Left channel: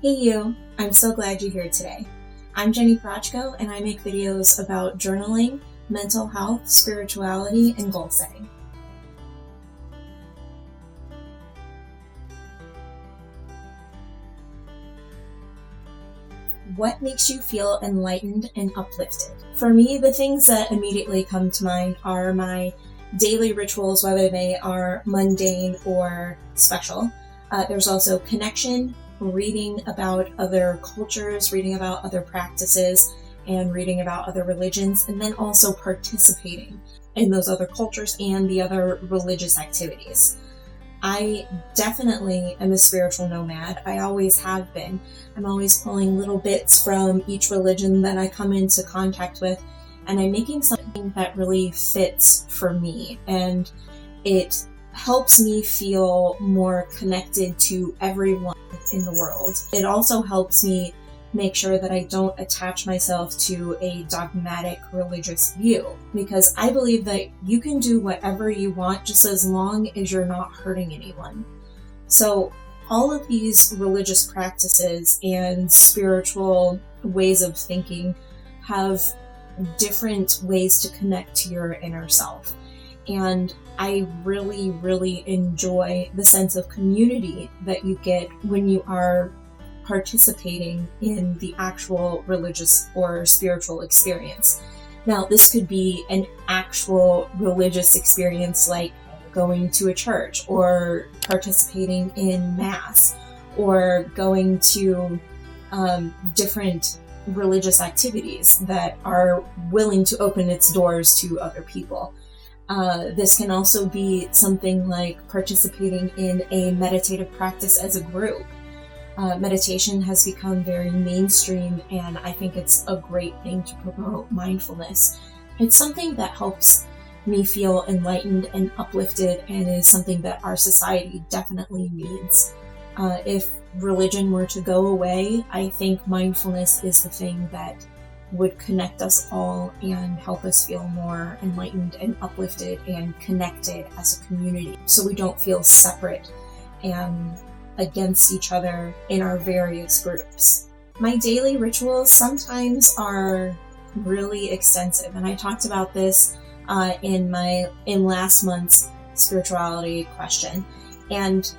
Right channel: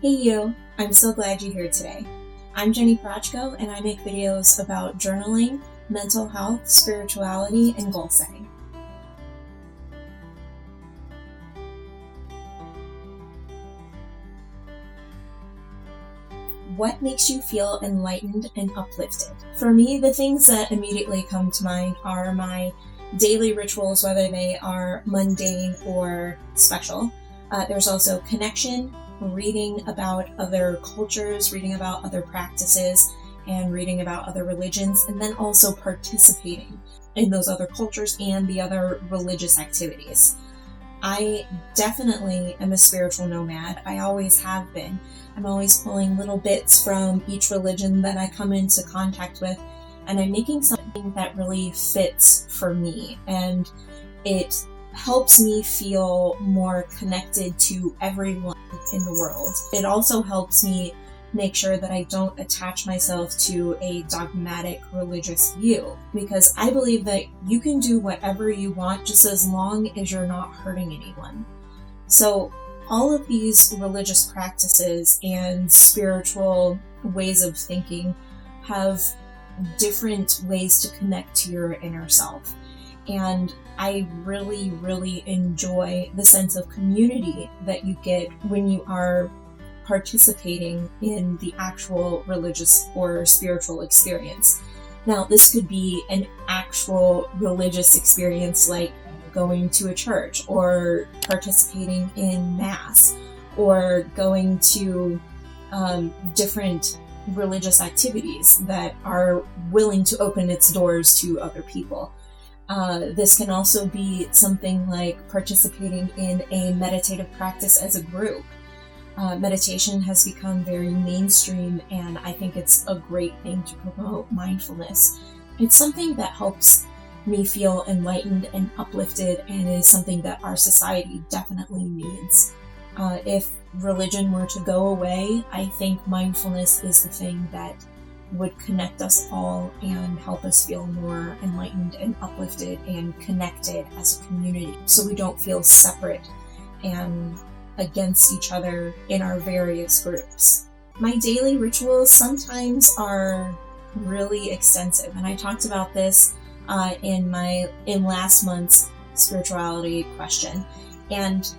Hey you, I'm so glad you're here today. I'm Jenny Prochko and I make videos about journaling, mental health, spirituality, and goal setting. What makes you feel enlightened and uplifted? For me, the things that immediately come to mind are my daily rituals, whether they are mundane or special. There's also connection, reading about other cultures, reading about other practices, and reading about other religions, and then also participating in those other cultures and the other religious activities. I definitely am a spiritual nomad. I always have been. I'm always pulling little bits from each religion that I come into contact with, and I'm making something that really fits for me. And it helps me feel more connected to everyone in the world. It also helps me make sure that I don't attach myself to a dogmatic religious view, because I believe that you can do whatever you want just as long as you're not hurting anyone. So all of these religious practices and spiritual ways of thinking have different ways to connect to your inner self. And I really, really enjoy the sense of community that you get when you are participating in the actual religious or spiritual experience. Now, this could be an actual religious experience like going to a church or participating in mass or going to different religious activities that are willing to open its doors to other people. This can also be something like participating in a meditative practice as a group. Meditation has become very mainstream, and I think it's a great thing to promote mindfulness. It's something that helps me feel enlightened and uplifted, and is something that our society definitely needs. If religion were to go away, I think mindfulness is the thing that would connect us all and help us feel more enlightened and uplifted and connected as a community, so we don't feel separate and against each other in our various groups. My daily rituals sometimes are really extensive, and I talked about this in last month's spirituality question. And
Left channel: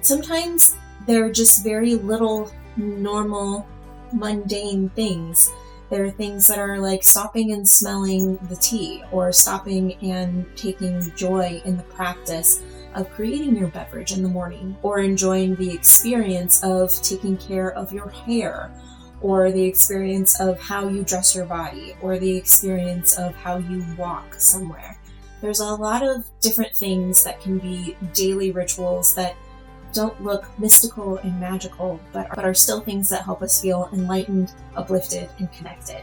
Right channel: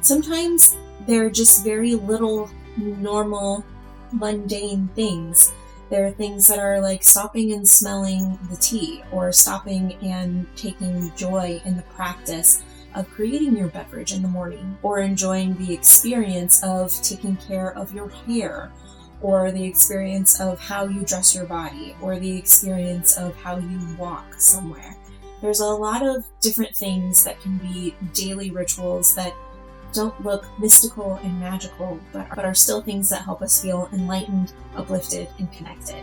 sometimes they're just very little normal, mundane things. There are things that are like stopping and smelling the tea, or stopping and taking joy in the practice of creating your beverage in the morning, or enjoying the experience of taking care of your hair, or the experience of how you dress your body, or the experience of how you walk somewhere. There's a lot of different things that can be daily rituals that don't look mystical and magical, but are still things that help us feel enlightened, uplifted, and connected.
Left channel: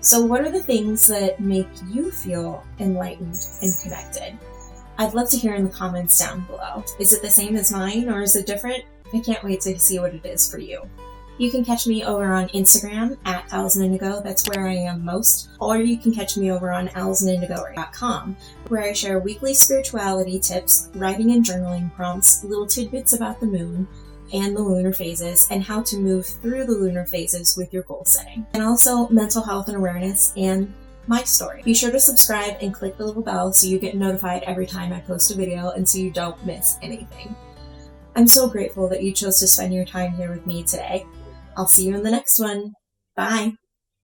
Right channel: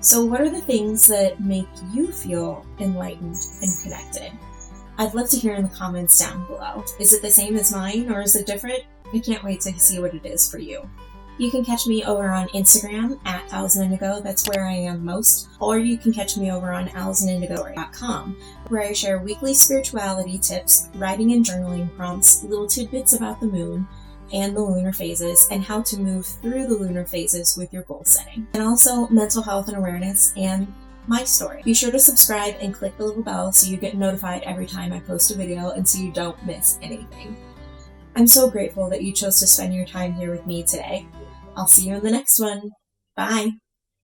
So what are the things that make you feel enlightened and connected? I'd love to hear in the comments down below. Is it the same as mine, or is it different? I can't wait to see what it is for you. You can catch me over on Instagram at alzindigo, that's where I am most, or you can catch me over on alzindigo.com, where I share weekly spirituality tips, writing and journaling prompts, little tidbits about the moon and the lunar phases, and how to move through the lunar phases with your goal setting, and also mental health and awareness and my story. Be sure to subscribe and click the little bell so you get notified every time I post a video and so you don't miss anything. I'm so grateful that you chose to spend your time here with me today. I'll see you in the next one. Bye.